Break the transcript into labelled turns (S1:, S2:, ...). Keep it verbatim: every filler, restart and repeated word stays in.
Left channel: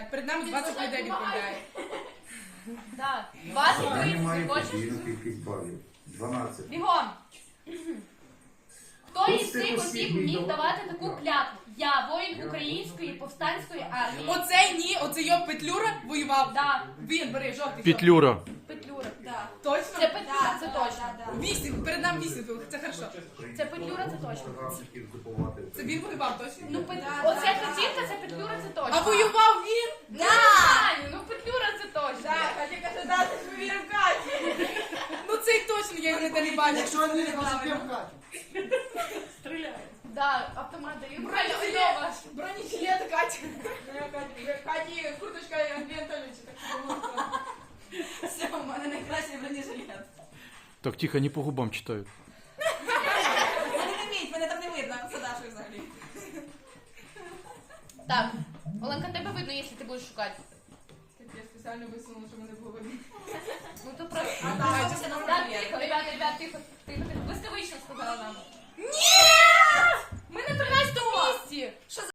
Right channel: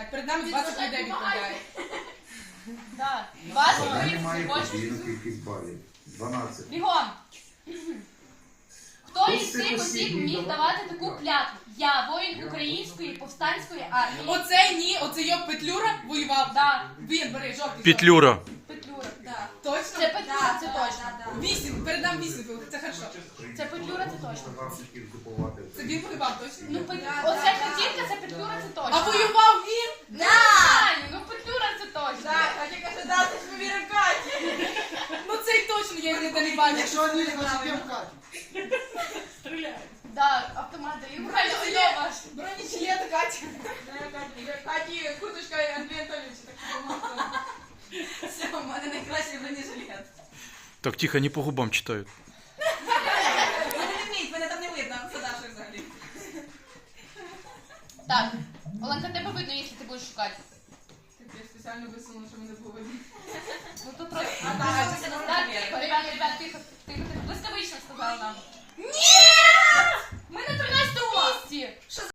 S1: Так, перед нами двадцять людей відповідає.
S2: Так. двадцять
S3: Вона не має
S2: хочеш?
S3: подвійну кількість балів. дванадцять.
S2: Бігом. Хто
S3: Хто
S2: із
S3: з цих
S2: цих
S3: осіб
S2: осіб
S3: міг
S2: міг
S3: давати
S2: давати таку
S3: клятву?
S2: клятву? Я воїн української повстанської армії.
S1: Оцей ні, оцей його Петлюра воював.
S2: Да.
S1: Він, бери, жовтий.
S4: Петлюра.
S2: Петлюра.
S1: Так. Точно?
S2: Це Петлюра, це точно.
S1: Вісім, перед нами вісім було, це хорошо.
S2: Це Петлюра, це точно.
S1: Це він воював, точно?
S2: Ну, Пет... оця картинка, це Петлюра, це точно.
S1: А воював він?
S2: Не знаю, ну Петлюра це точно.
S1: Ну цей точно, я його ніде не бачив.
S5: Якщо не розуміємо Катю.
S2: Да, автомат даю.
S1: Бронежилет.
S2: ваш.
S1: Бронежилет, Катя. Каті, курточка Андрія Анатолійовича, так що все, у мене найкращий бронежилет.
S4: Так, тихо, не по губам читають.
S1: Вони не вміють, мене там не видно, це Даша взагалі.
S2: Так, Оленка, тебе видно, якщо ти будеш шукати.
S1: Так я спеціально висунула, щоб не було видно.
S2: Ну то просто...
S1: А
S2: Так,
S1: так, це
S2: так, тихо, ребят, ребят, тихо, тихо, тихо. Блискавично сказала нам.
S1: Ні!
S2: Ми на тринадцятому місці.
S1: Що